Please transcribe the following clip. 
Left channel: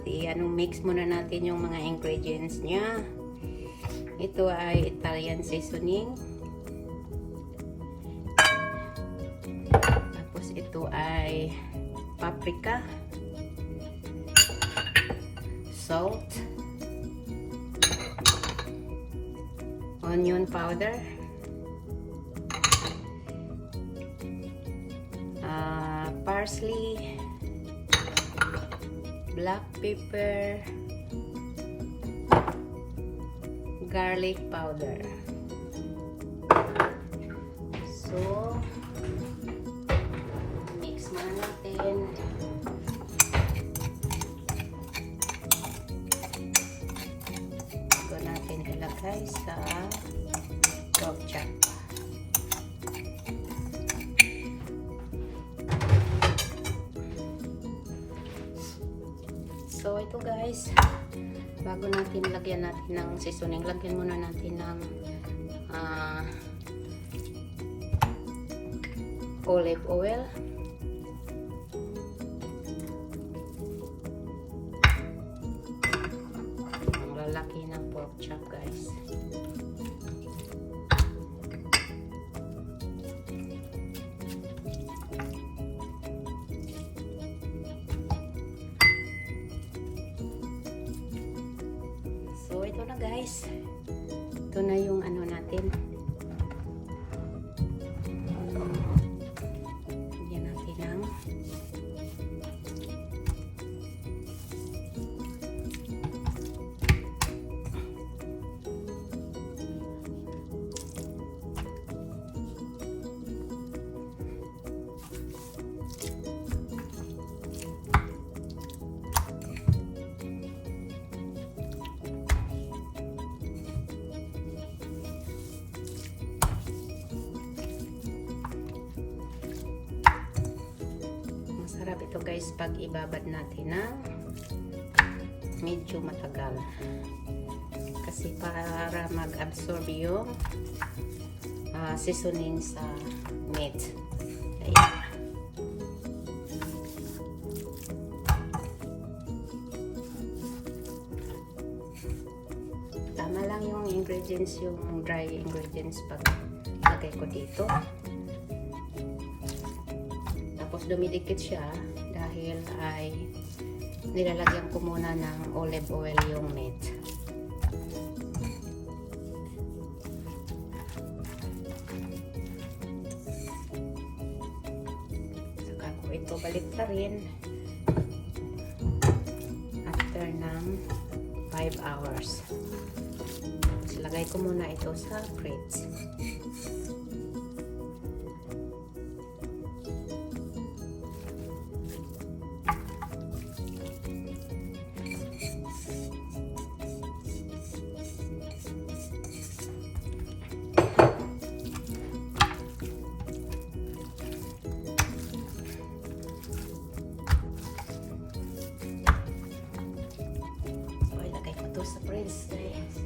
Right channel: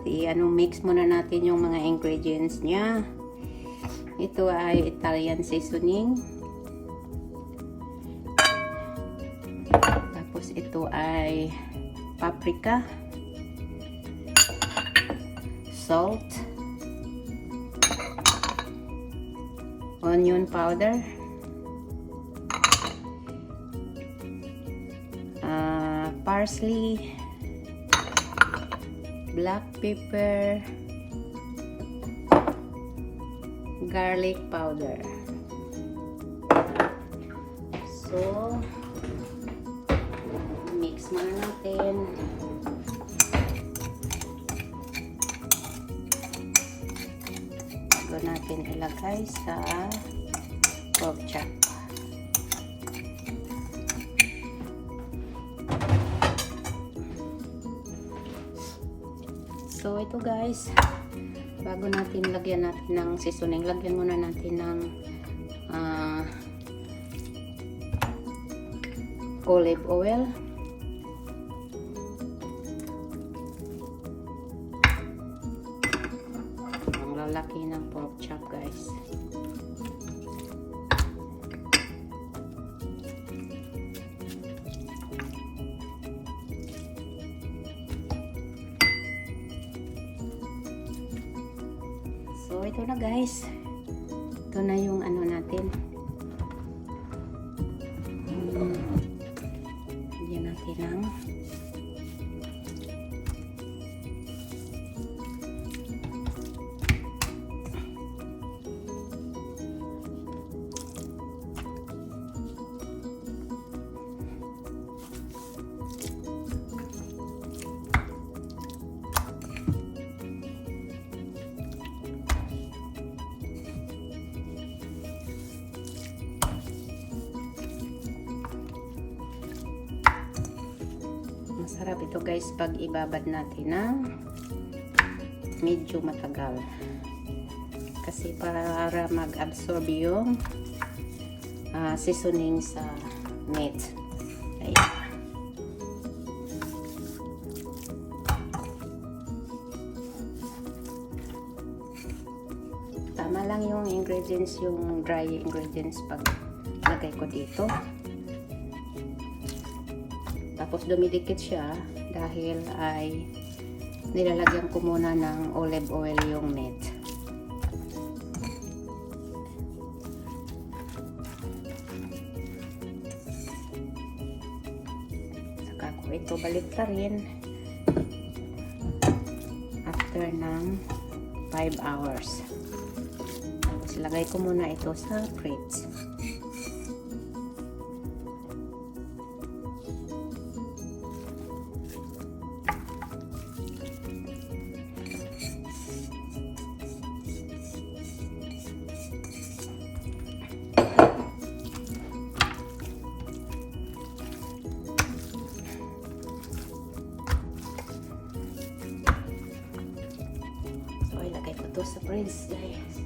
At mix muna natin yung mga ingredients niya. Ito ay Italian seasoning. Tapos ito ay paprika, salt, onion powder, parsley, black pepper, garlic powder. So, mix muna natin. Bago natin ilagay sa pork chop. So, ito guys, bago natin lagyan natin ng seasoning, lagyan muna natin ng olive oil. Ang lalaki ng pork chop guys. So, ito na guys. Ito na yung ano natin. Lagyan natin ng masarap ito guys pag ibabad natin ng medyo matagal kasi para mag-absorb yung seasoning sa meat. Ayan. Tama lang yung ingredients, yung dry ingredients pag lagay ko dito. Tapos dumidikit siya dahil ay nilalagyan ko muna ng olive oil yung meat. Saka ko ito balik pa rin after ng 5 hours. Tapos lagay ko muna ito sa fridge. Sa fridge guys.